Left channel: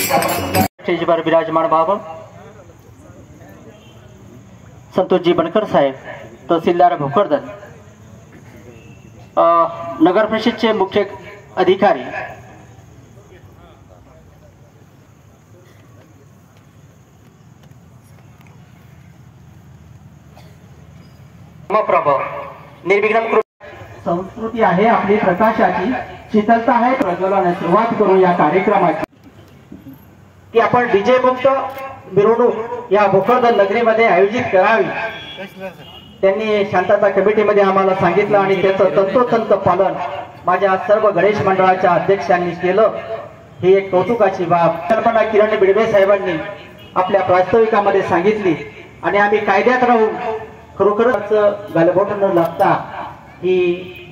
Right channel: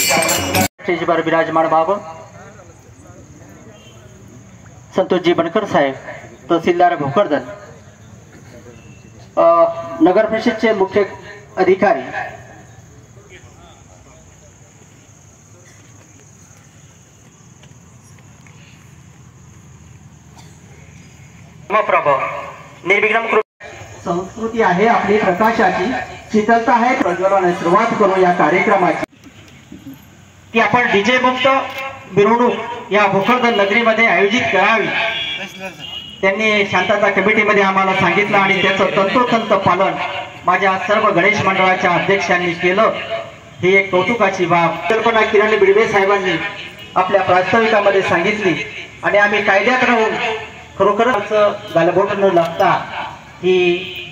स्टेजवर विराजमान व्हावं। संतोषजी बनकर साहेब, तहसीलदार भोकरदन, नगर परिषदचे मुख्य अधिकारी, निर्विघ्न संस्कृती आहे आपली प्रकाशाची, शीतलता आहे प्रज्वलनाने सुरुवात करू या कार्यक्रमाची की आपण डीजे मुक्त मिरवणूक या भोकरदन नगरीमध्ये आयोजित करावी। त्यांनी शांतता कमिटीमध्ये आम्हाला सांगितलं आणि त्याचं तंतोतंत पालन माझ्या सर्व गणेश मंडळाच्या अध्यक्षांनी केलं। ही एक कौतुकाची बाब कल्पना किरण बिडवे साहेबांनी आपल्या प्रास्ताविकामध्ये सांगितली आणि आम्ही कायद्यात राहून खरोखरच गालबोट न लागता ही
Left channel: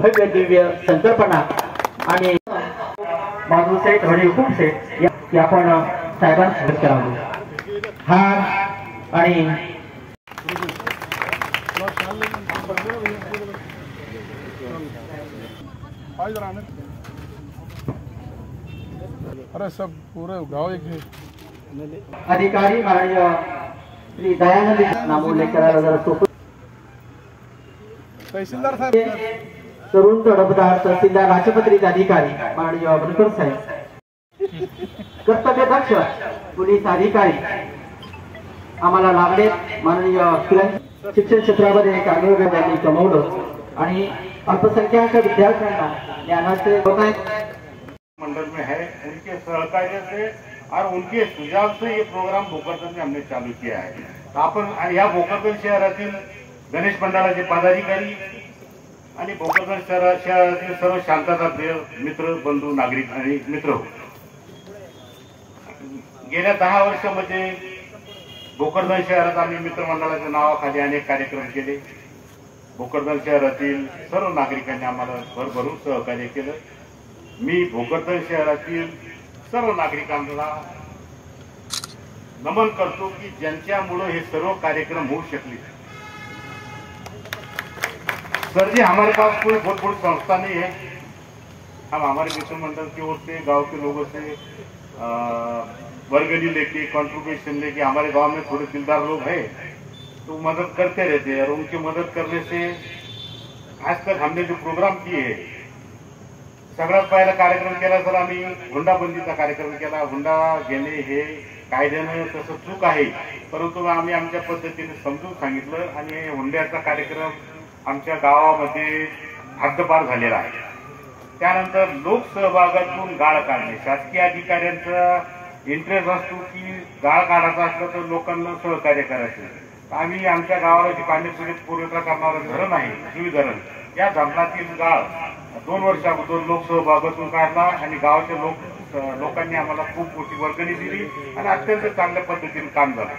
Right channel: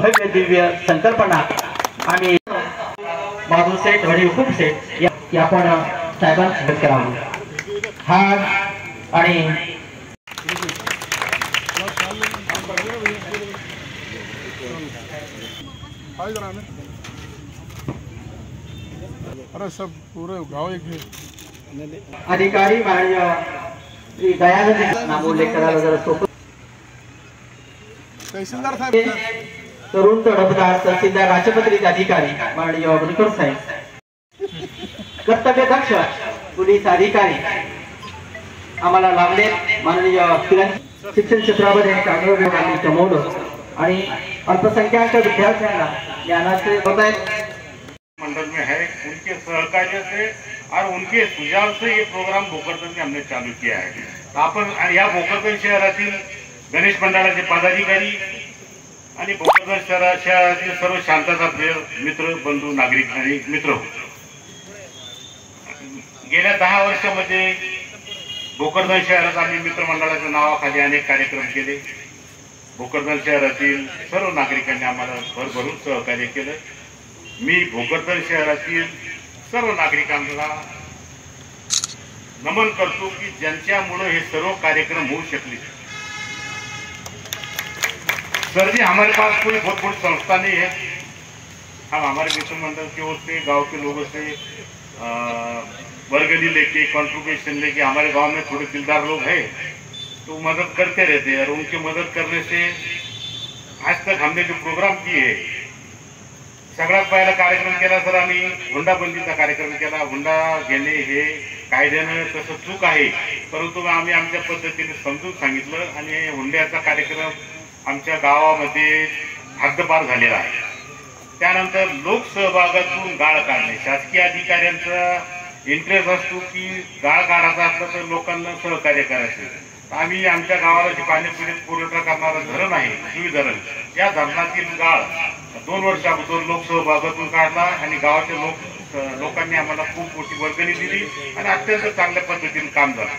भव्य दिव्य संकल्पना आम्ही माधू सेठ आणि हुकूम सेठ या आपण साहेबांना करावं। हा आणि अरे सब पूरे गाँव एक अधिकारी माननीय श्री दयानंद नाम उल्लेख करायला तहसीलदार साहेब, तरुण तडफदार तहसीलदार राजपत्रित अधिकारी माननीय बनकर साहेब, कर्तव्य दक्ष पोलीस अधिकारी आम्हाला लागले माननीय शिक्षण क्षेत्रामध्ये चांगलं त्यांनी कमवलं आणि अल्पसंख्याक विद्यार्थ्यांना ज्ञानाचे होत आहेत। मंडल में है उनके सहकार्य से और उनके सुझाव से ये प्रोग्राम भोकरदन में हमने चालू किया है। तो आपण या भोकरदन शहरातील गणेश मंडळाचे पदाधिकारी आणि भोकरदन शहरातील सर्व शांतता प्रिय मित्र बंधू नागरिक आणि मित्र, गेल्या 10 वर्षामध्ये भोकरदन शहरात आम्ही मित्रमंडळाच्या नावाखाली अनेक कार्यक्रम केले। भोकरदन शहरातील सर्व नागरिकांनी आम्हाला भरभरून सहकार्य केलं। मी भोकरदन शहरातील सर्व नागरिकांना नमन करतो की ज्यांच्यामुळे हे सर्व कार्यक्रम होऊ शकले। सर जी, हमारे पास कोई बहुत बड़ी संस्था नहीं है, हम हमारे मित्र मंडल की ओर से गांव के लोगों से वर्गनी लेके कंट्रीब्यूशन लेके हमारे गांव में थोड़े दिलदार लोग हैं तो मदद करते रहते हैं और उनकी मदद करने से आज तक हमने जो प्रोग्राम किए है, सगळ्यात पहिला कार्यक्रम केला सर आम्ही हुंडाबंदीचा कार्यक्रम केला। हुंडा घेणे हे कायद्यानं तसं चूक आहे, परंतु आम्ही आमच्या पद्धतीने समजून सांगितलं आणि हुंड्याचा कार्यक्रम आमच्या गावामध्ये हद्दपार झालेला आहे। त्यानंतर लोकसहभागातून गाळ काढणे, शासकीय अधिकाऱ्यांचा इंटरेस्ट असतो की गाळ काढायचा असलं तर लोकांना सहकार्य करायचं। आम्ही आमच्या गावाला जे पाणीपुरी पुरवठा करणारं धरण आहे सुई धरण, या धरणातील गाळ 2 वर्ष अगोदर लोकसहभागातून काढला आणि गावाच्या लोकांनी आम्हाला खूप मोठी वर्गणी दिली आणि अत्यंत चांगल्या पद्धतीने काम झालं।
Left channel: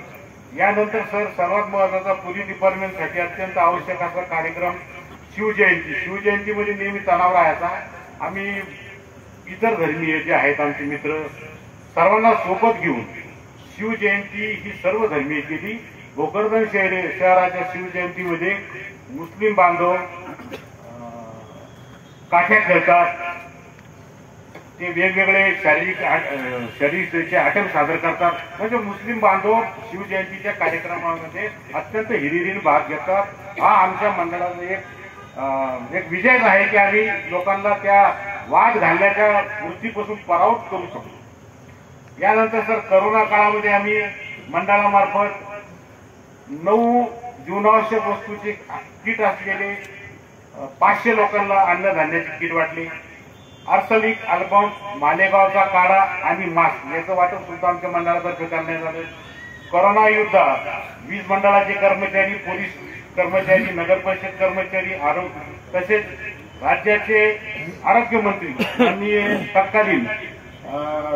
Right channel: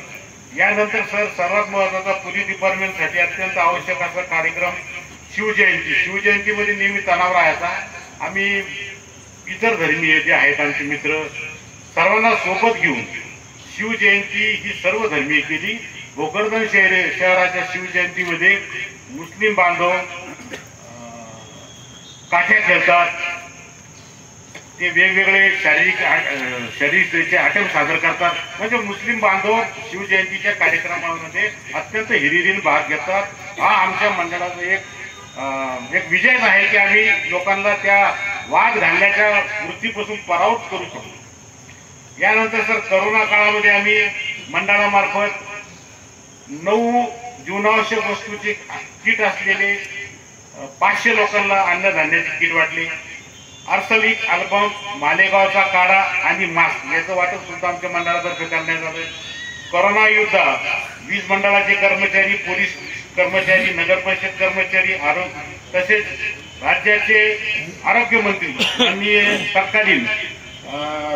यानंतर सर सर्वात महत्त्वाचा पोलीस डिपार्टमेंटसाठी अत्यंत आवश्यक असा कार्यक्रम शिवजयंती। शिवजयंतीमध्ये नेहमी तणाव राहायचा। आम्ही इतर धर्मीय जे आहेत आमचे मित्र सर्वांना सोबत घेऊन शिवजयंती ही सर्व धर्मीय केली। भोकरदन शहराच्या शिवजयंतीमध्ये मुस्लिम बांधव काठ्या खेळतात, ते वेगवेगळे शारीरिक आटम सादर करतात, म्हणजे मुस्लिम बांधव शिवजयंतीच्या कार्यक्रमामध्ये अत्यंत हिरिरीने भाग घेतात। हा आमच्या मंडळाचा एक विजय आहे की आम्ही लोकांना त्या वाद घालण्याच्या वृत्तीपासून परावृत्त करू शकतो। यानंतर सर करोना काळामध्ये आम्ही मंडळामार्फत 9 जीवनावश्यक वस्तूचे किट असलेले 500 लोकांना अन्नधान्याचे किट वाटले। अर्सलिक अल्बम, मालेगावचा काढा आणि मास्क याचं वाटप सुद्धा आमच्या मंडळातर्फे करण्यात आलं। कोरोना युद्धात वीज मंडळाचे कर्मचारी, पोलीस कर्मचारी, नगर परिषद कर्मचारी, आरोग्य तसेच राज्याचे आरोग्य मंत्री माननीय तत्कालीन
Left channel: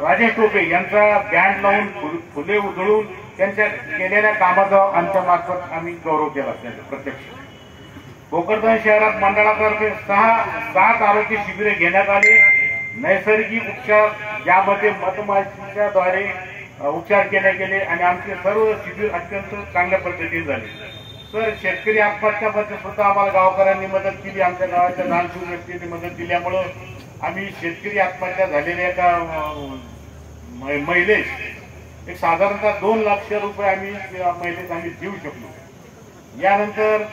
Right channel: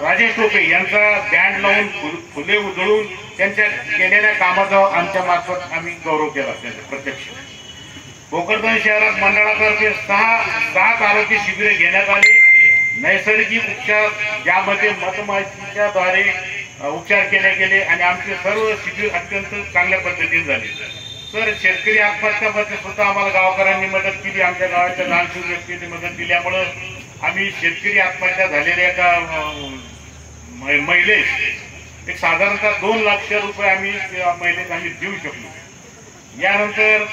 राजेश टोपे यांचा बँड लावून फुले उधळून त्यांच्या केलेल्या कामाचा आमच्या मार्फत आम्ही गौरव केला त्यांचा प्रत्यक्ष। भोकरदन शहरात मंडळातर्फे 7 आरोग्य शिबिरे घेण्यात आले। नैसर्गिक उपचार ज्यामध्ये मधमाशीच्या द्वारे उपचार केले गेले आणि आमचे सर्व शिबिर अत्यंत चांगल्या पद्धतीने झाले। सर शेतकरी आत्महत्यामध्ये सुद्धा आम्हाला गावकऱ्यांनी मदत केली। आमच्या गावाच्या दानशूर व्यक्तींनी मदत दिल्यामुळे आम्ही शेतकरी आत्महत्या झालेल्या एका महिलेस एक साधारणतः 2 लाख रुपये आम्ही महिलेस आम्ही देऊ शकलो। यानंतर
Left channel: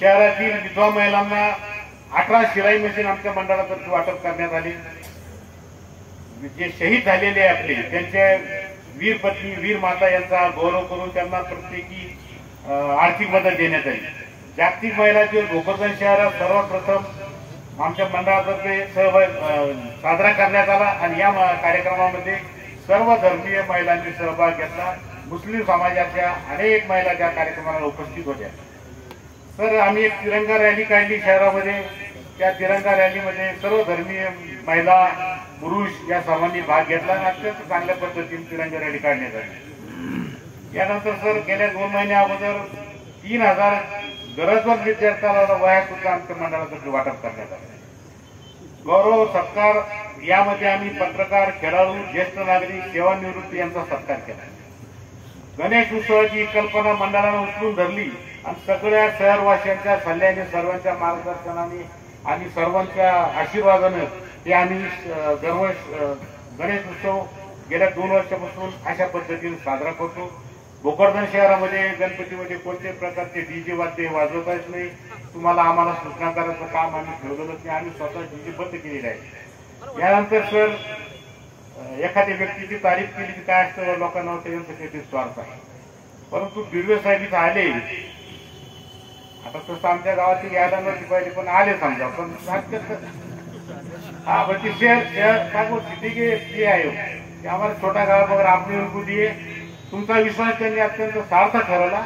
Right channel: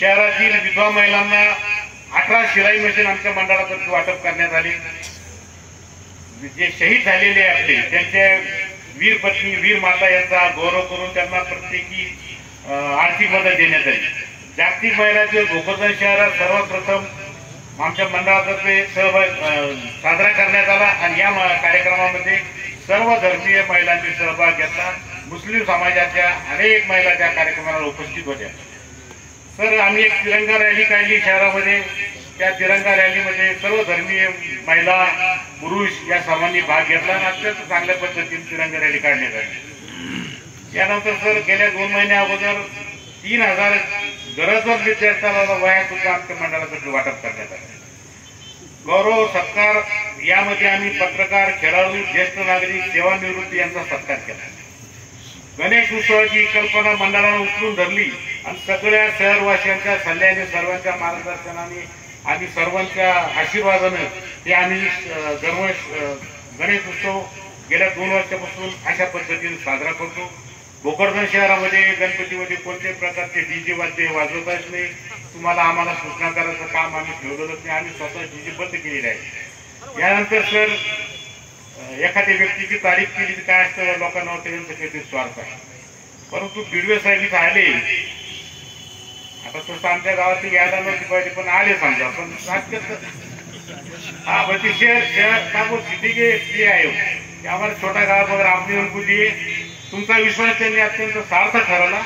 शहरातील विधवा महिलांना 18 शिलाई मशीन आमच्या मंडळातर्फे वाटप करण्यात आले। जे शहीद झालेले आपले त्यांच्या वीर पत्नी वीर माता यांचा गौरव करून त्यांना प्रत्येकी आर्थिक मदत देण्यात आली। जागतिक महिला दिवस भोकरदन शहरात सर्वप्रथम आमच्या मंडळातर्फे साजरा करण्यात आला आणि या कार्यक्रमामध्ये सर्व धर्मीय महिलांनी सहभाग घेतला। मुस्लिम समाजाच्या अनेक महिला त्या कार्यक्रमाला उपस्थित होत्या। सर आम्ही एक तिरंगा रॅली काढली शहरामध्ये। त्या तिरंगा रॅलीमध्ये सर्व धर्मीय महिला पुरुष या सर्वांनी भाग घेतला आणि अत्यंत चांगल्या पद्धतीने तिरंगा रॅली काढण्यात आली। यानंतर सर गेल्या 2 महिन्या अगोदर 3000 गरजवंत विद्यार्थ्यांना वह्या सुद्धा आमच्या मंडळातर्फे वाटप करण्यात आले। गौरव सत्कार यामध्ये आम्ही पत्रकार खेळाडू ज्येष्ठ नागरिक सेवानिवृत्ती यांचा सत्कार केला। गणेश उत्सवाची कल्पना मंडळाने उचलून धरली आणि सगळ्या शहरवासियांच्या सल्ल्याने सर्वांच्या मार्गदर्शनाने आणि सर्वांच्या आशीर्वादाने ते आम्ही गणेश उत्सव गेल्या 2 वर्षापासून अशा पद्धतीने साजरा करतो। भोकरदन शहरामध्ये गणपतीमध्ये कोणत्याही प्रकारचे डीजे वाद्य वाजवताच नाही। तुम्हाला आम्हाला सूचना करायचं काम आम्ही ठेवलेलंच नाही, आम्ही स्वतः डीजे बंद केलेले आहे। यानंतर सर एखाद्या व्यक्तीची तारीफ केली तर काय असतं लोकांना त्यांचं काहीतरी स्वार्थ आहे, परंतु बिडवे साहेब इथं आले। आता तसं आमच्या गावातील यादा नव्हती पाहिजे पण आले समजा, पण हाँ बल्कि शहर सिटी के आए हो ते हमारे छोटा गाव वगैरे आपने उनको दिए। तुमचा विश्वास त्यांनी अत्यंत सार्थ ठरवला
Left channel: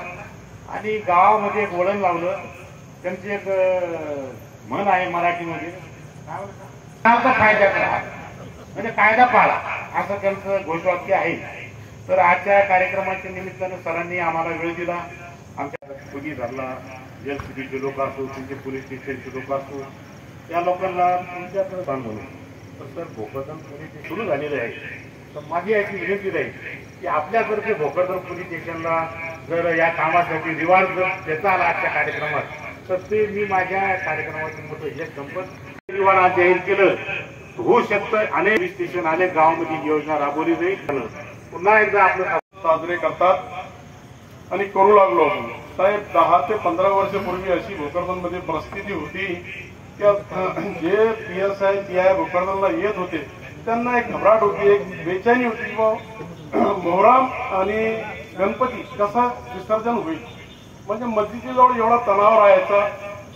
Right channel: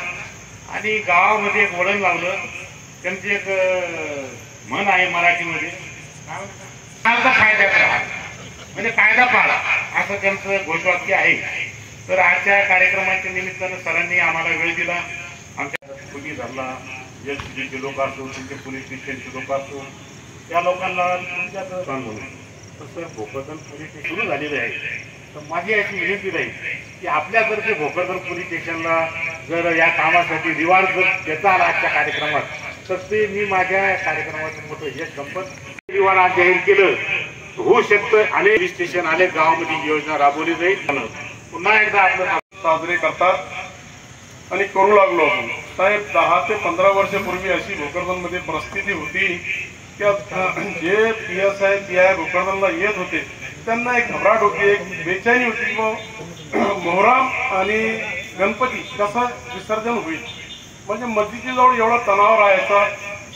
आणि गावामध्ये एक वळण लावलं। त्यांची एक म्हण आहे मराठीमध्ये फायदा करा म्हणजे कायदा पाळा असं त्यांचं घोषवाक्य आहे। तर आजच्या कार्यक्रमाच्या निमित्तानं सरांनी आम्हाला वेळ दिला। आमच्या पोलीस झाला एसपीचे लोक असो तुमचे पोलीस स्टेशनचे लोक असो त्या लोकांना तुमच्याकडे सांगून तर सर भोकरदन पोलीस स्टेशन सुरू झालेले आहे। तर माझी अशी विनंती राहील की आपल्यातर्फे भोकरदन पोलीस स्टेशनला जर या कामासाठी रिवॉर्ड जर देता आला आजच्या कार्यक्रमात तर ते मी माझ्या कार्यक्रमातून मोठं यश संपत रिवॉर्ड आज जाहीर केलं होऊ शकतं। अनेक पोलीस स्टेशन अनेक गावामध्ये योजना राबवली जाईल। पुन्हा एकदा आपलं साजरे करतात आणि करू लागलो आपण साहेब। 10 ते 15 वर्षापूर्वी अशी भोकरदनमध्ये परिस्थिती होती की जे PSI PI भोकरदनला येत होते त्यांना एक घबराट होती, एक बेचैनी होती की मोहरम आणि गणपती कसं विसर्जन होईल। म्हणजे मस्जिदच्या जवळ एवढा तणाव राहायचा।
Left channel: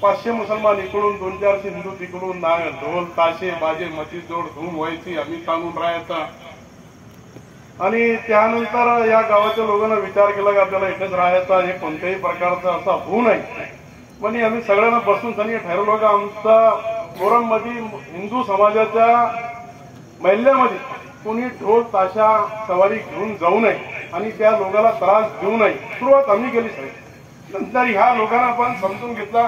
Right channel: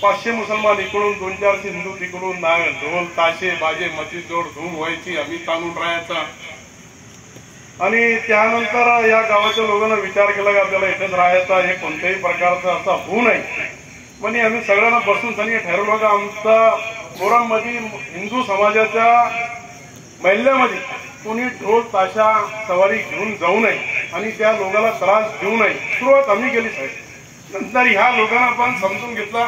500 मुसलमान इकडून 200-400 हिंदू तिकडून ढोल ताशे बाजे मस्जिदजवळ धूम व्हायची, आम्ही ताणून राहायचा। आणि त्यानंतर या गावाच्या लोकांना विचार केला की आपल्याला इथेच राहायचा, हे कोणत्याही प्रकारचा असा होऊ नये म्हणजे आम्ही सगळ्यांना बसून त्यांनी ठरवलं की आमचा मोहरममध्ये हिंदू समाजाच्या महिल्यामध्ये कोणी ढोल ताशा सवारी घेऊन जाऊ नये आणि त्या लोकांना त्रास देऊ नये। सुरुवात आम्ही केली साहेब। नंतर ह्या लोकांना पण समजून घेतला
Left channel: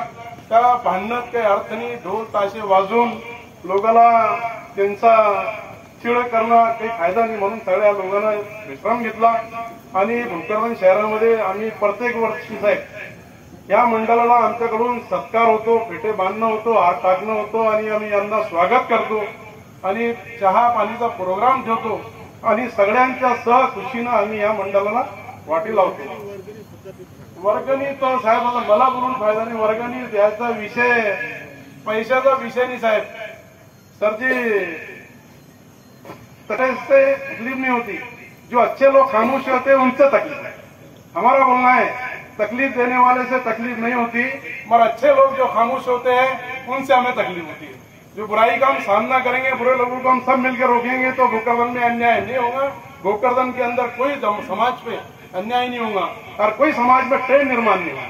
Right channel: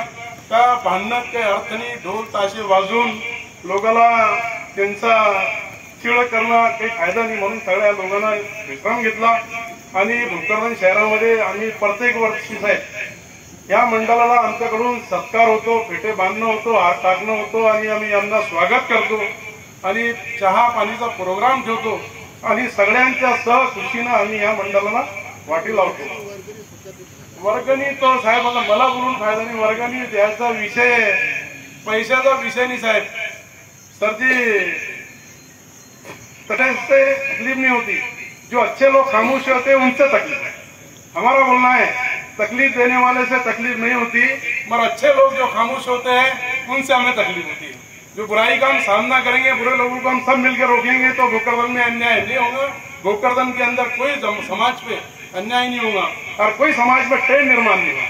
का भांडणात काही अर्थ नाही, ढोल ताशे वाजून लोकांना त्यांचा चिड करणं काही फायदा नाही, म्हणून सगळ्या लोकांना विश्राम घेतला। आणि भोकरदन शहरामध्ये आम्ही प्रत्येक वर्षी साहेब या मंडळाला आमच्याकडून सत्कार होतो, पेटे बांधणं होतो, हार टाकणं होतो आणि आम्ही यांना स्वागत करतो आणि चहा पाणीचा प्रोग्राम ठेवतो आणि सगळ्यांच्या सहखुशीनं आम्ही या मंडळाला वाटी लावतो। वर्गणी तो साहेब मला बोलून फायदा नहीं, वर्गणी द्यायचा विषय पैशाचा विषय नहीं साहेब। सर जी तकलीफ नहीं होती, जो अच्छे लोग खामोश होते हैं उनसे तकलीफ है। हमारा बोलना है तकलीफ देने वाले से तकलीफ नहीं होती, मगर अच्छे लोग जो खामोश होते हैं उनसे हमें तकलीफ होती है। जो बुराई का हम सामना करेंगे, बुरे लोगों को हम सब मिलकर रोकेंगे तो भोकरदन में अन्याय नहीं होगा। भोकरदन के अंदर कोई समाज पे अन्याय नहीं होगा और कोई समाज में टेढ़ निर्माण नहीं होगा।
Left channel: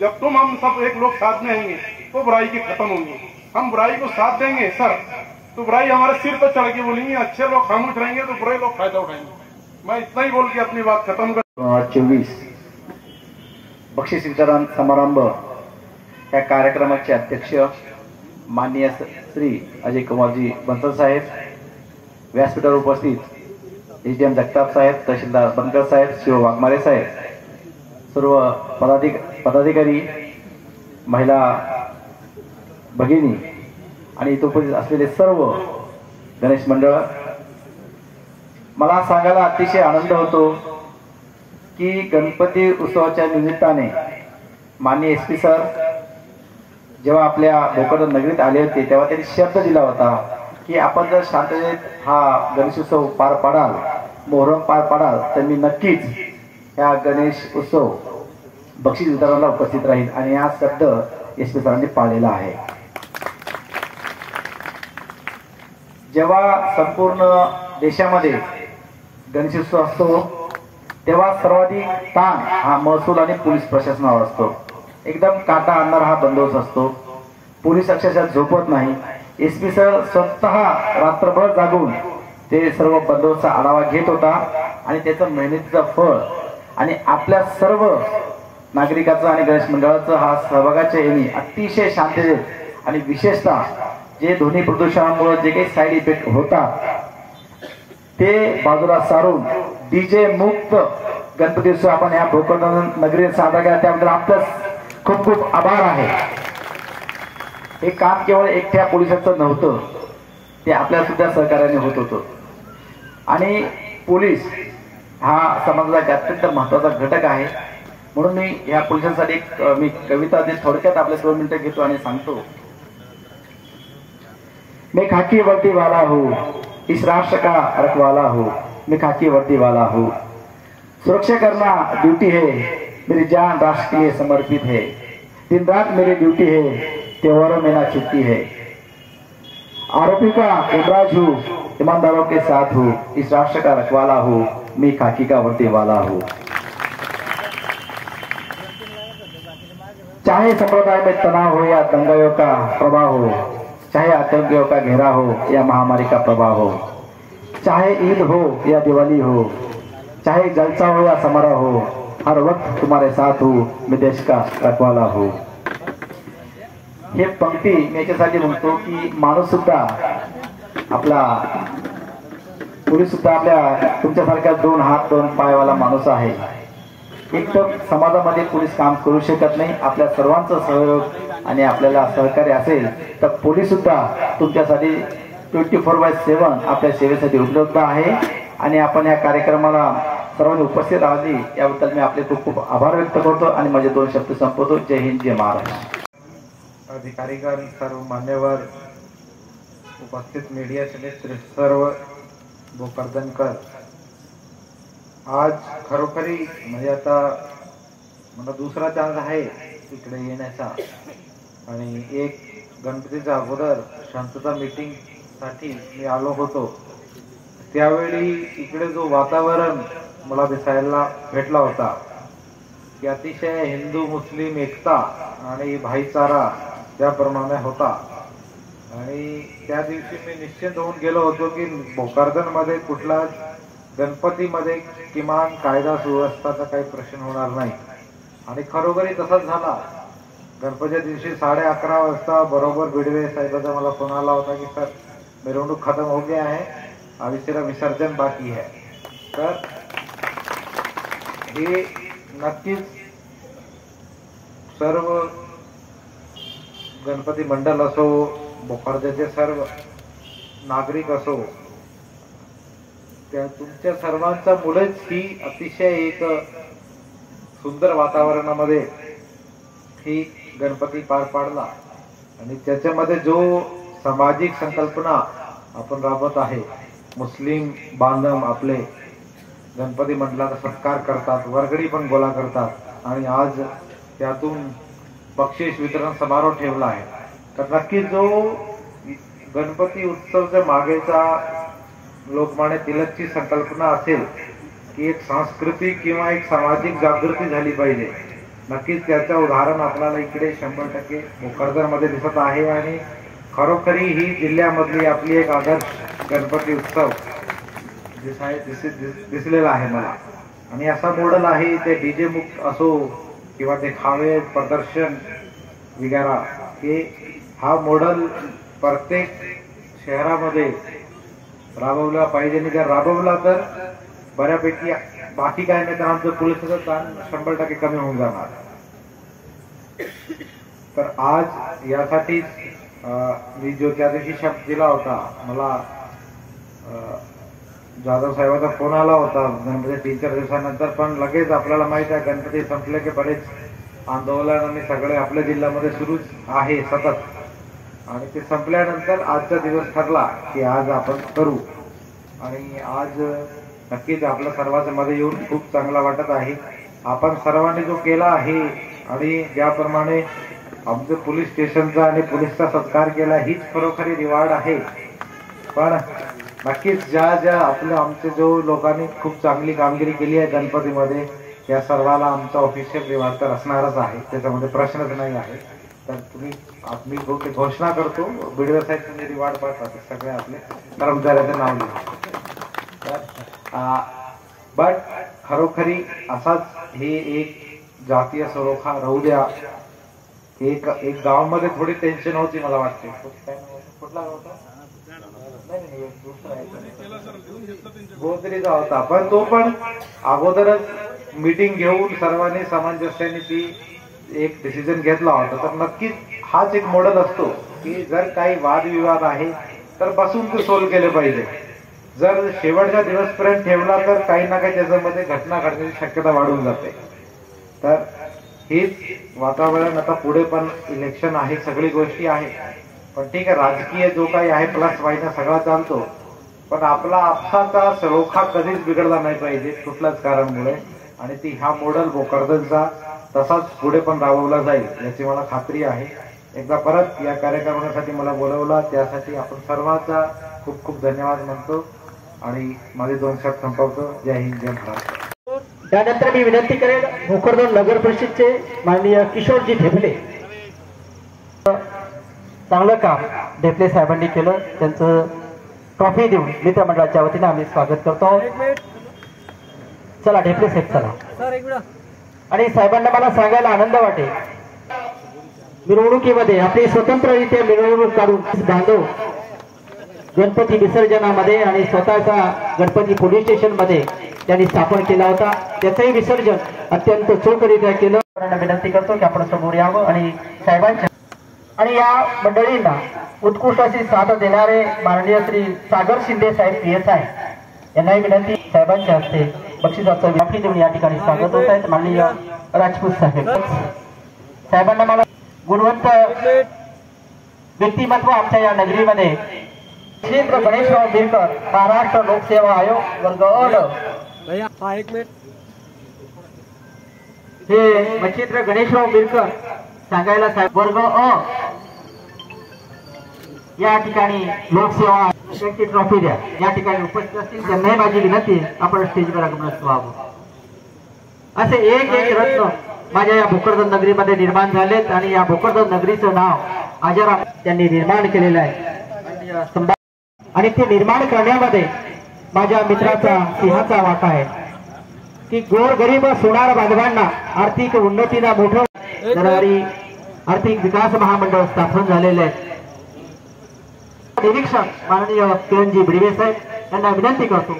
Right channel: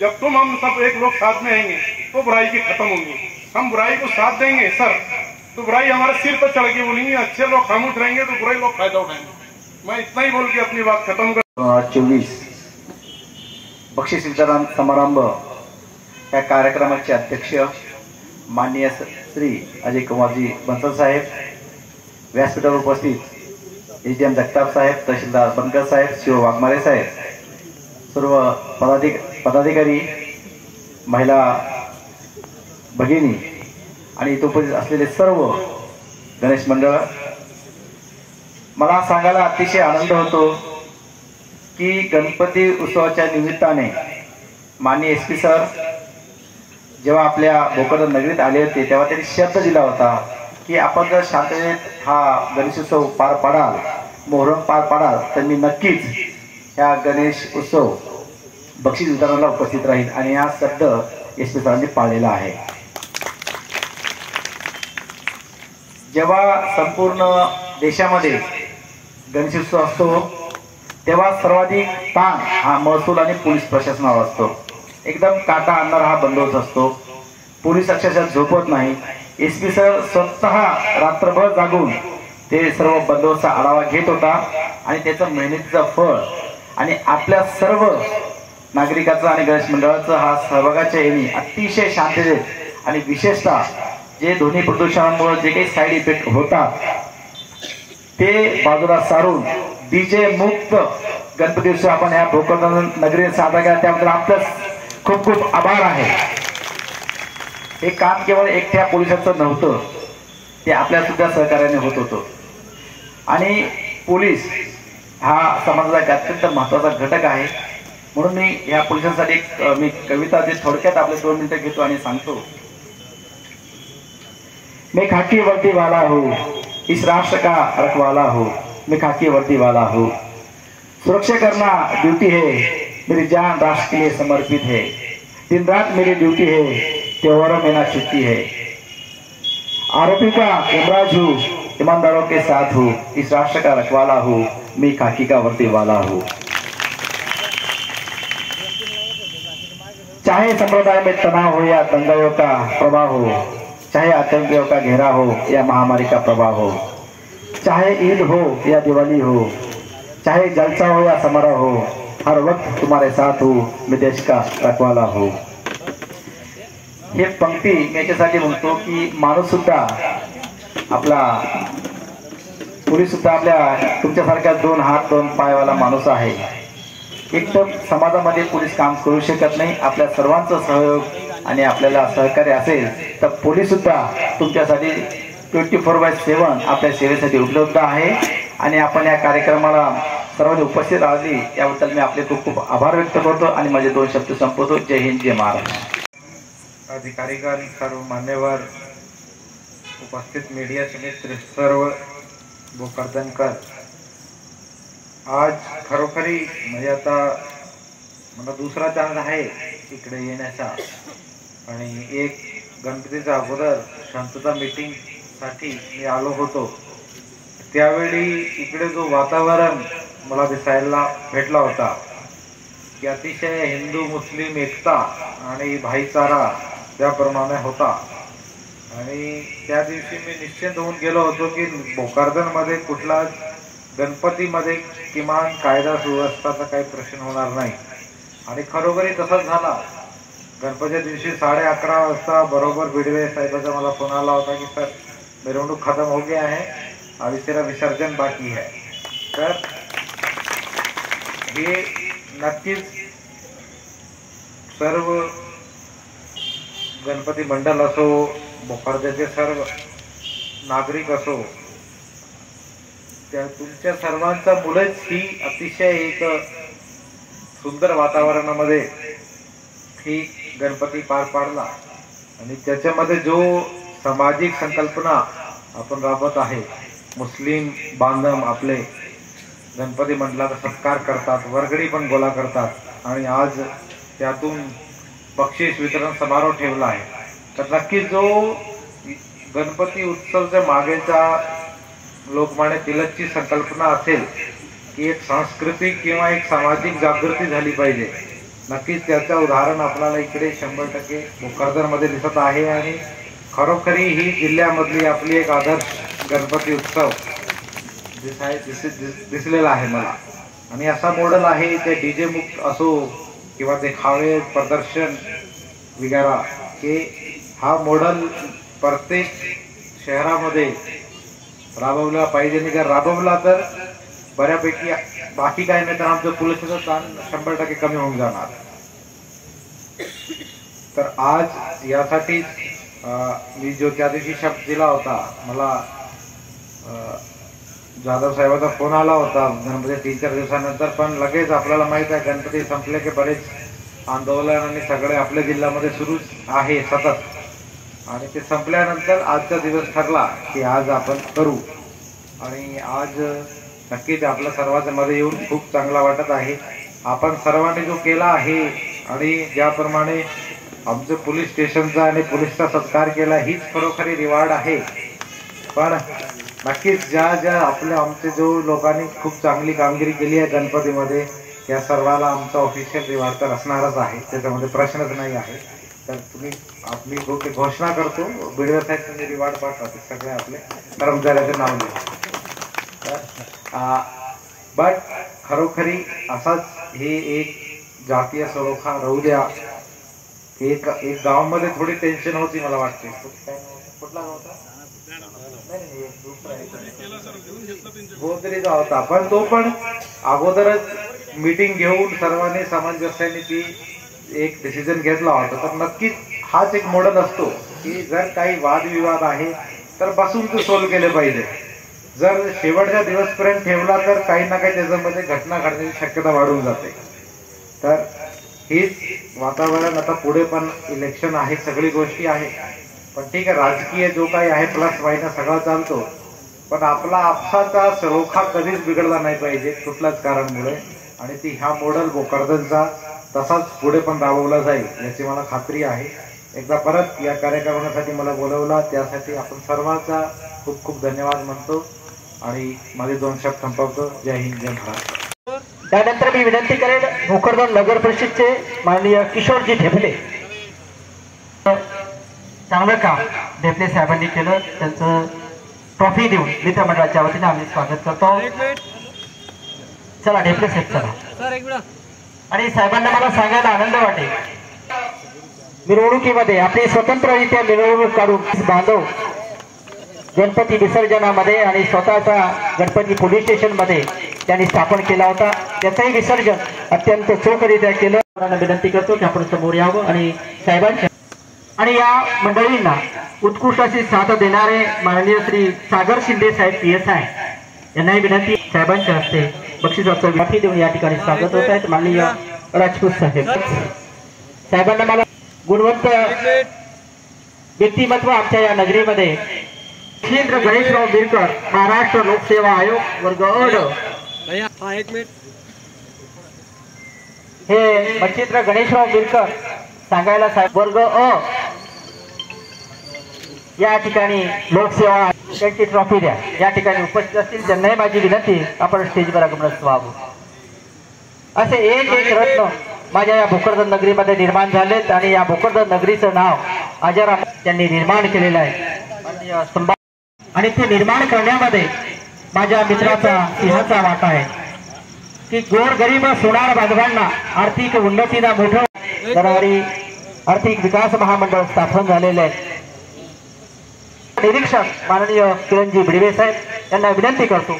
जब तुम हम सब एक लोग साथ में आएंगे तो बुराई की खत्म होंगी। हम बुराई को साथ देंगे सर तो बुराई हमारे सिर पर चढ़ के बोलेंगे, अच्छे लोग खामोश रहेंगे तो बुरे लोग फायदा उठाएंगे। मैं इतना ही बोल के अपनी बात खत्म कर। 24 बक्षीस वितरण समारंभ या कार्यक्रमाचे अध्यक्ष माननीय श्री अजय कुमारजी बंसल साहेब, व्यासपीठावर उपस्थित SDM जगताप साहेब, तहसीलदार बनकर साहेब, शिव वाघमारे साहेब, सर्व पदाधिकारी, महिला भगिनी आणि इथे उपस्थित असलेले सर्व गणेश मंडळ मला सांगायला अतिशय आनंद होतो की गणपती उत्सवाच्या निमित्ताने माननीय SP सर जेव्हा आपल्या भोकरदन नगरीत आले होते तेव्हा त्यांनी शब्द दिला होता की आपण जर शांततेत हा गणेशोत्सव पार पाडाल, मोहरम पार पाडाल, तर मी नक्कीच ह्या गणेश उत्सव बक्षीस वितरणाला उपस्थित राहील आणि हा शब्द SP सरांनी पाळलेला आहे. जेव्हा संपूर्ण देशामध्ये गणेशोत्सव असतो तेव्हा सर्वाधिक ताण हा महसूल आणि पोलीस प्रशासनावर असतो. एकदम काटा आणणारा हा बंदोबस्त असतो. पोलीस अक्षरशः झोपत नाही. SP सर स्वतः रात्रभर जागून ते सर्व बंदोबस्ताचा आढावा घेत होता आणि त्याचं मेहनतीचं फळ आणि आपल्या सर्व नागरिकाचं आणि गणेश मंडळाचं हा सहभागाच्या येणी अतिशय शांततेत आणि विशेषतः जे ध्वनी प्रदूषणामुळे जे काही साईड इफेक्ट होतात ते बाजूला सारून DJ मुक्त गणपती उत्सव आपण ह्या भोकरदन नगरीत साजरा केला त्याबद्दल आपलं खूप खूप आभार आहे. हे काम केवळ एकट्या पोलिसाचं नव्हतं, ते आपल्या सुद्धा सहकार्याने होत होतं आणि पोलीस हा समाजाचा अत्यंत महत्त्वाचा घटक आहे. म्हणून मी ह्या पोलिसांसाठी मी कविता जे थोडक्यात आपले 2 मिनिटं घेतो आणि सांगतो. मैं खाकी वर्दी वाला हूँ, इस राष्ट्र का रखवाला हूँ, मैं खाकी वर्दी वाला हूँ, सुरक्षा करना ड्यूटी है, मेरी जान राष्ट्र के लिए समर्पित है, दिन रात मेरी ड्यूटी है, त्योहारों में ना छुट्टी है, आरोपी का इमराज हूँ, ईमानदारों के साथ हूँ, इस राष्ट्र का रखवाला हूँ, मैं खाकी का वर्दी वाला हूँ. चाहे संप्रदाय में तनाव हो या दंगाओं का प्रभाव हो, चाहे आतंकियों का घेरा हो या महामारी का प्रभाव हो, चाहे ईद हो या दिवाली हो, चाहे जलसा हो या समारोह हो, हर वक्त तुम्हारे साथ हूँ, मैं देश का रखवाला हूँ. हे पंक्ती मी याच्यासाठी म्हणतो की माणूस सुद्धा आपला पोलीस सुद्धा आपल्या तुमच्यासारख्या 2 हात 2 पायवाला माणूस आहे. एक तर समाजामध्ये पोलीस काम करू शकत नाही. आपल्या सर्वांचा सहयोग आणि आपल्याला सहकार्य असेल तर पोलीस सुद्धा तुमच्यासाठी 24/7 आपल्या सेवेसाठी उपलब्ध आहे. आणि आपण या कार्यक्रमाला सर्वांनी उपस्थित राहिली याबद्दल मी आपले खूप खूप आभार व्यक्त करतो आणि माझे 2 शब्द संपवतो. जय हिंद, जय महाराष्ट्र. अधिकारीगण, सर्व मान्यवर, उपस्थित मीडिया समेत सर्व भोकरदनकर, आज खरोखरी म्हणजे आता मला दुसरा चान्स आहे इकडे येण्याचा आणि एक गणपतीच्या अगोदर शांतता मीटिंगसाठी मी आलो होतो. त्यावेळी इकडे जो वातावरण मला दिसायला भेटला होता की अतिशय हिंदू मुस्लिम एकता आणि भाईचारा त्याप्रमाणे होता. आणि त्या दिवशी मी निश्चित होऊन गेलो होतो की भोकरदनमध्ये कुठला गणपतीमध्ये किमान कायदा सुव्यवस्थाचा काही प्रश्न होणार नाही. आणि खरोखरी तसाच झाला. गणपतीच्या दिवशी 11:30 वाजता बरोबर बिडवे साहेबाचा मला फोन आला होता की सर मिरवणूक खत्म हो गया है, अभी सिर्फ विसर्जन बाकी है. तर हे नक्कीच सर्व गणपती मंडळ असो, भोकरदनचे सर्व नागरिक असो, त्या तुमच्या सर्वांचा मुळेच ही अतिशय एक सुंदर वातावरणामध्ये ही गणपती पार पाडला. आणि त्याच्यामध्ये जो सामाजिक संकल्पना आपण राबवत आहे, मुस्लिम बांधव आपले गणपती मंडळाचा सत्कार करतात, वर्गणी पण गोळा करतात आणि आज त्यातून बक्षीस वितरण समारोह ठेवला आहे. तर नक्कीच जो गणपती उत्सवच्या मागेचा लोकमान्य टिळकची संकल्पना असेल की एक सांस्कृतिक किंवा एक सामाजिक जागृती झाली पाहिजे, नक्कीच त्याचं उदाहरण आपल्याला इकडे 100% भोकरदनमध्ये दिसत आहे. आणि खरोखरी ही जिल्ह्यामधली आपली एक आदर्श गणपती उत्सव दिसलेला आहे मला. आणि असा मॉडेल आहे ते DJ मुक्त असो किंवा ते खावे प्रदर्शन वगैरे, हे हा मॉडेल प्रत्येक शहरामध्ये राबवला पाहिजे. आणि जर राबवला तर बऱ्यापैकी बाकी काही नाही तर आमचं पोलिसाचं ताण 100% कमी होऊन जाणार. तर आज यासाठी मी जो त्या दिवशी शब्द दिला होता, मला जाधव साहेबांचा फोन आला होता म्हणजे 3-4 दिवसानंतर, पण लगेच आपल्याला माहित आहे गणपती संपले की बरेच आंदोलन आणि सगळे आपल्या जिल्ह्यामध्ये सुरू आहे सतत, आणि ते संपल्यानंतर आजचा दिवस ठरला की आज आपण करू. आणि आज नक्कीच आपल्या सर्वांच्या मध्ये येऊन खूप चांगला वाटत आहे. आपण सर्वांनी जो केला आहे आणि ज्याप्रमाणे आमचं पोलीस स्टेशनचा आणि पोलीसचा सत्कार केला हीच खरोखरी रिवॉर्ड आहे. पण नक्कीच ज्या आमचे जो लोकांनी खूप चांगली कामगिरी केली आहे गणपतीमध्ये, या सर्वाला आमचा ऑफिशियल रिवॉर्ड तर असणारच आहे, त्याच्यामध्ये प्रश्नच नाही आहे. तर मी घोषणा करतो, व्हिडिओ साहेब तुम्ही रिवॉर्ड पाठवा सगळे आपले कर्मचाऱ्याचं नाव लिहा. बट खरोखरी असाच हे एक जातीय सलोखा राहू द्या. एक गावामध्ये थोडी टेन्शन होती मला वाटते. कुठला होता गोदरीचा होता, पण तो पण अगोदरच मीटिंग घेऊन सर्वांनी सामंजस्याने ती एक डिसिजन घेतला होता. तर नक्कीच हाच एक मॉडेल असतो की जर काही वादविवाद आहे तर बसून ते सोल्व केले पाहिजे. जर शेवटच्या दिवसपर्यंत ठेवला तर काही ना काही त्याच्यामध्ये घटना घडण्याची शक्यता वाढून जाते. तर हेच वातावरण आता पुढे पण इलेक्शन आहे, सगळी गोष्टी आहे, पण ठीक आहे राजकीय जो काही आहे प्लस मायनस सगळा चालतो, पण आपला आपसाचा सलोखा कधीच बिघडला नाही पाहिजे कुठल्याच कारणामुळे. आणि ती ह्या मॉडेल भोकरदनचा तसाच पुढे पण राबवला जाईल याची मला खात्री आहे. एकदा परत या कार्यक्रमासाठी मला बोलवला त्यासाठी आपण सर्वांचा खूप खूप धन्यवाद म्हणतो आणि माझे 2 शब्द संपवतो. जय हिंद, जय महाराष्ट्र. त्यानंतर मी विनंती करेन भोकरदन नगर परिषदचे माननीय किशोरजी ढेपले, चांगलं काम ढेपले साहेबांनी केलं, त्यांचं ट्रॉफी देऊन मित्रमंडळाच्या वतीने आम्ही स्वागत करतो. चला ढेपले साहेब चला. आणि साहेबांना मला सांगायला आनंद वाटेल, मिरवणुकीमध्ये आपली स्वतंत्ररित्या मिरवणूक काढून बांधव गणपती विसर्जनामध्ये आणि स्वतःचा गणपती पोलीस स्टेशन मध्ये त्यांनी स्थापन केला होता. त्याचंही विसर्जन अत्यंत चोखरित्या केलं. विनंती करतो की आपण समोर यावं आणि साहेबांच्या आणि या मंडळींना उत्कृष्ट अशी साथ देणारे माननीय श्री सागर शिंदे साहेब PSI यांनाही विनंती, साहेबांच्या हस्ते बक्षिसाचं वाटी देऊन या ठिकाणी स्वागत होत आहेत. माननीय राजपूत साहेब साहेबांना मला गुणवंत व्यक्तिमत्व आमच्या या नगरीमध्ये मच्छिंद्र गणेशराव बिरकर, महाराष्ट्र लोकसेवा आयोग वर्ग अ. हे मच्छिंद्र गणेशराव बिरकर सांगायला साहेब वर्ग अ या ठिकाणी लोकसेवा त्यांची ट्रॉफी द्या. या ठिकाणी उपस्थित असतील त्यांनाही माझी विनंती आपण स्टेजवर आगमन व्हावं. असे एक रत्न माझ्या या भोकरदन नगरीमध्ये निर्माण झालेत आणि या भोकरदन नगरीचं नाव अजर त्यांनी निर्माण केलेलं आहे. आणि ते निर्माण करण्यामध्ये माझ्या मित्राचा सिंहाचा वाटा आहे की गोरगरीब सोनार बांधवांना आर्थिक उन्नतीला मोठं करणारी आर्थिक विकास महामंडळ स्थापन झालेले आहे. निरीक्षक माननीय किरणजी बिडवे साहेब यांना विनंती करतो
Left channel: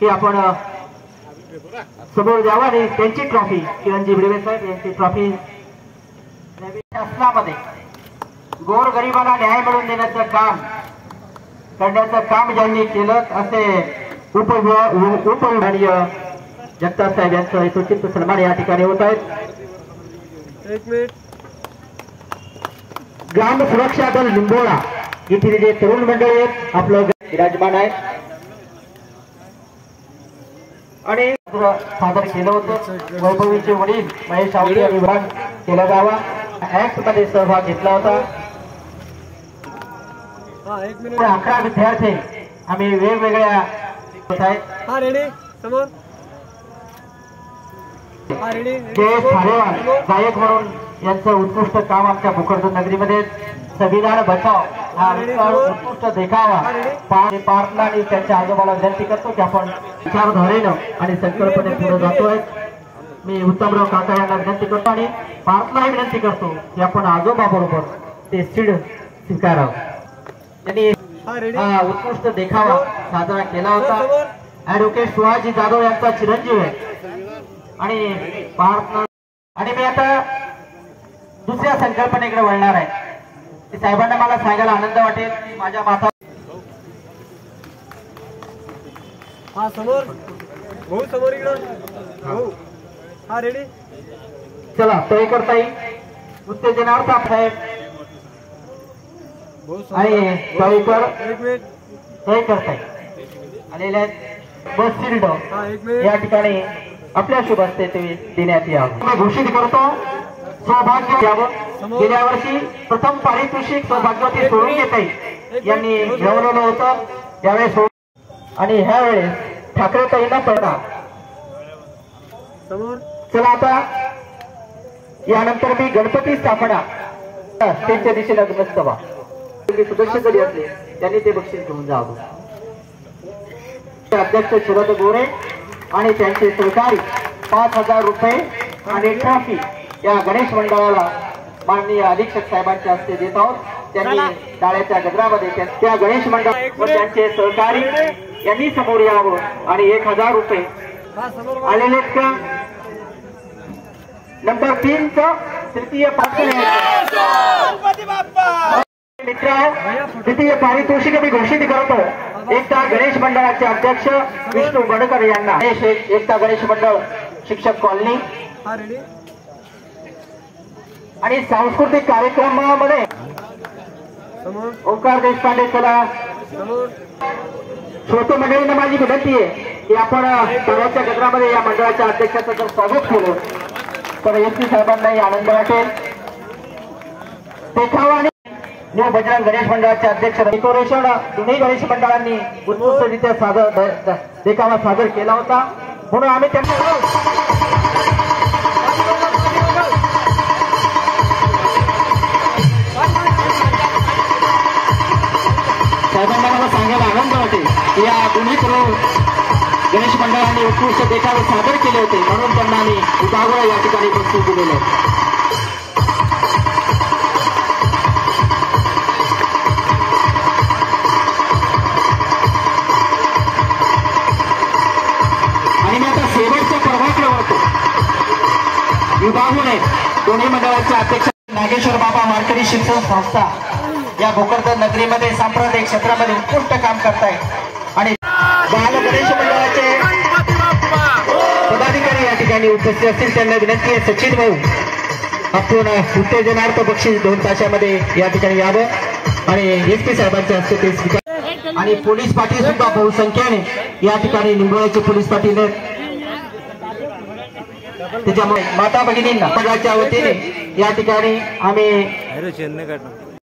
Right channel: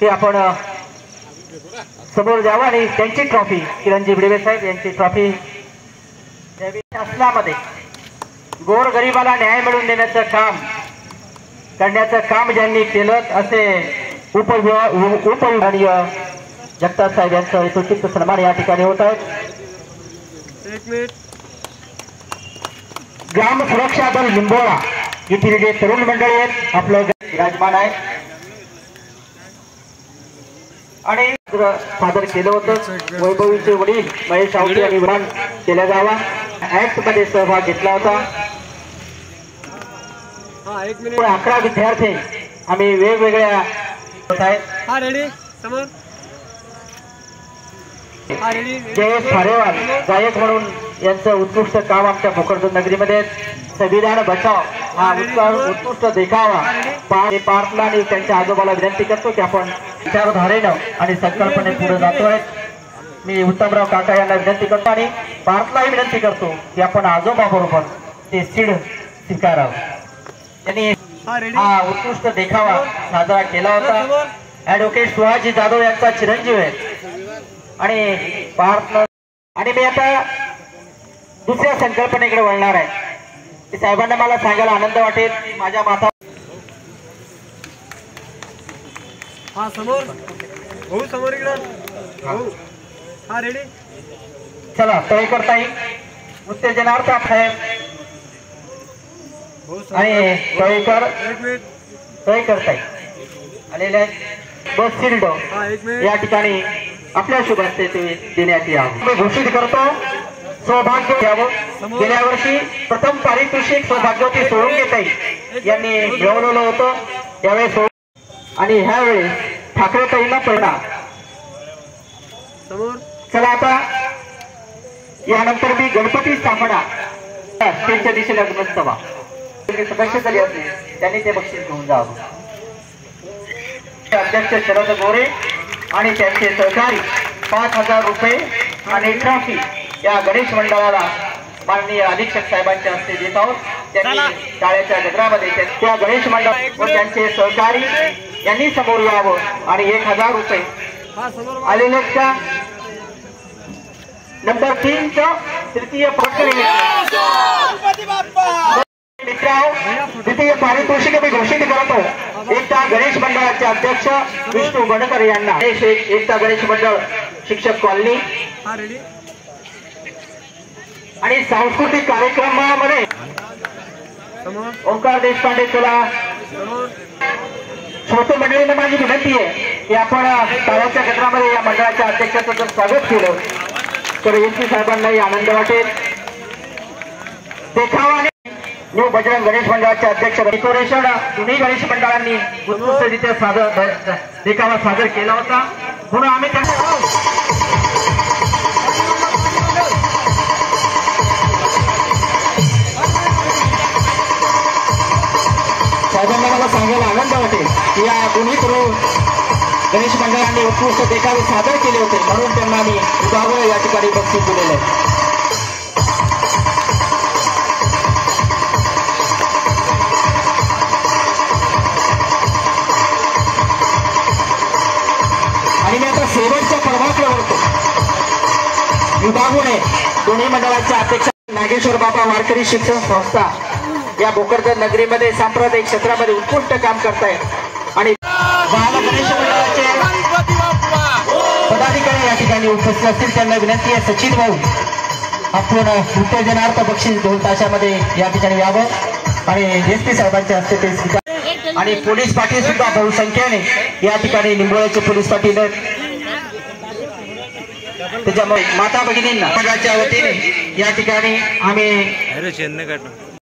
की आपण समोर जावं आणि त्यांची ट्रॉफी किरणजी बिडवे साहेब यांची ट्रॉफी शासनामध्ये गोरगरिबाला न्याय मिळवून देण्याचं काम करण्याचं काम ज्यांनी केलं असे उपविभागीय जगताप साहेब यांचं यथोचित सन्मान या ठिकाणी होत आहेत. ग्राम सुरक्षा दल लिंबोळा येथील जे तरुण मंडळी आहेत आपलं विराजमान आहे आणि सादर केलं होतं. वैभवीचे वडील महेश आवटे यांनी विराम केल्या जावा ऍक्ट मध्ये सहभाग घेतला होता. 11 विद्यार्थी आम्ही वेगवेगळ्या जयेश खारेवाल गायक म्हणून यांचं उत्कृष्ट काम आमच्या भोकरदन नगरीमध्ये संविधान बचाव हा उत्कृष्ट देखावा पार्थला आणि त्यांच्या आजोबाला विनंती करतो की आपण विचारधारेनं आणि संकल्पने पुढे जातोय. मी उत्तमराव काका यांना विनंती करतो आणि पार्थलाही विनंती करतो की आपण आजोबा बरोबर ते सीड स्वीकारावं. त्यांनी हा उत्कृष्ट देखावा साजरा केला होता. ऍडव्होकेट सुहाजी जाधव यांचा चिरंजीव आहे आणि पार्थ आणि मी आता दुसऱ्या संकल्पनेकडे वळणार आहे. साहेबांना मला सांगायला आनंद वाटेल की माझ्या माता हा समोर भाऊ समोर इकडं भाऊ हा रेडी चला तय करता येईल उत्तेजनार्थ आहे भाऊ आणि तोयकर एक मिनिट तय करता येईल आलेल्या बस शिल्ड हा एक मिनिट या ठिकाणी आपल्या शुभ हस्ते ते देण्यात यावं मी घोषित करतो सौभाग्य द्यावं गेल्या वर्षी प्रथम पारितोषिक सौभाग्यवती सोडून घेताई यांनी मिळवलेलं होतं यावेळेस आणि ह्यावेळेस ठाकरे ताईला पडणार समोर चला आता यानंतर मी गणपती स्थापना त्यांच्या दिशेला नसतवा बक्षीस झाली असते त्यांनी ते बक्षीस घेऊन जावं अध्यक्ष शरद गोरे आणि त्यांचे सहकारी 5,000 रुपये आणि ट्रॉफी या गणेश मंडळाला माननीय अधीक्षक साहेबांच्या हस्ते देत आहोत त्यांनी शाळेच्या गजरामध्ये त्या गणेश मंडळ व त्यांचे सहकारी यांनी समोर यावं आणि 1,000 रुपये हा समोर आलेले का नंबर 3 तृतीय द्वितीय पारितोषिक मी घोषित करतो एकता गणेश मंडळाचे अध्यक्ष विष्णू गणकर यांना एकता गणेश मंडळ शिक्षक कॉलनी हा रेडी आणि सांस्कृतिक कार्यक्रमामध्ये समोर ओंकार देशपांडे कला समोर छोटे मंडळींना माझी विनंती आहे की आपण तळ्याच्या गजरामध्ये या मंडळाच्या अध्यक्षाचं जर स्वागत केलं तर एसपी साहेबांनाही आनंद वाटेल देखावाने न्यू बजरंग गणेश मंडळाचे अध्यक्ष डेकोरेशन दोन्ही गणेश मंडळांनी उत्कृष्टरित्या सादर देखावा सादर केला होता म्हणून आम्ही त्यांना साहेबांना मला सांगायला आनंद वाटेल की या दोन्ही गणेश मंडळांनी उत्कृष्ट देखावे सादर केले होते म्हणून त्यांना आम्ही उदाहरण या ठिकाणी बक्षीस दिलेलं आहे आणि मी आता शेवटच्या क्रमांकावर वळतो विभागूने दोन्ही मंडळाचे अध्यक्ष नागेश्वर बाबा वारकरी शिक्षण संस्था या भोकरदन नगरीमध्ये सांप्रदायिक क्षेत्रामध्ये उत्कृष्ट काम करतायत आणि पदाधिकारी या ठिकाणी उपस्थित असतील त्यांना विनंती आहे सचिन भाऊ आपण उत्तेजनार्थ बक्षीस 2 तासामध्ये या ठिकाणी यावं आणि एसपी साहेबांच्या हस्ते ते स्वीकार आणि पोलीस पाटील सुद्धा बहुसंख्येने या ठिकाणी निंबोळ्याचे पोलीस पाटील त्याच्यामुळे माता भगिनींना पगाच्या वतीने या ठिकाणी आम्ही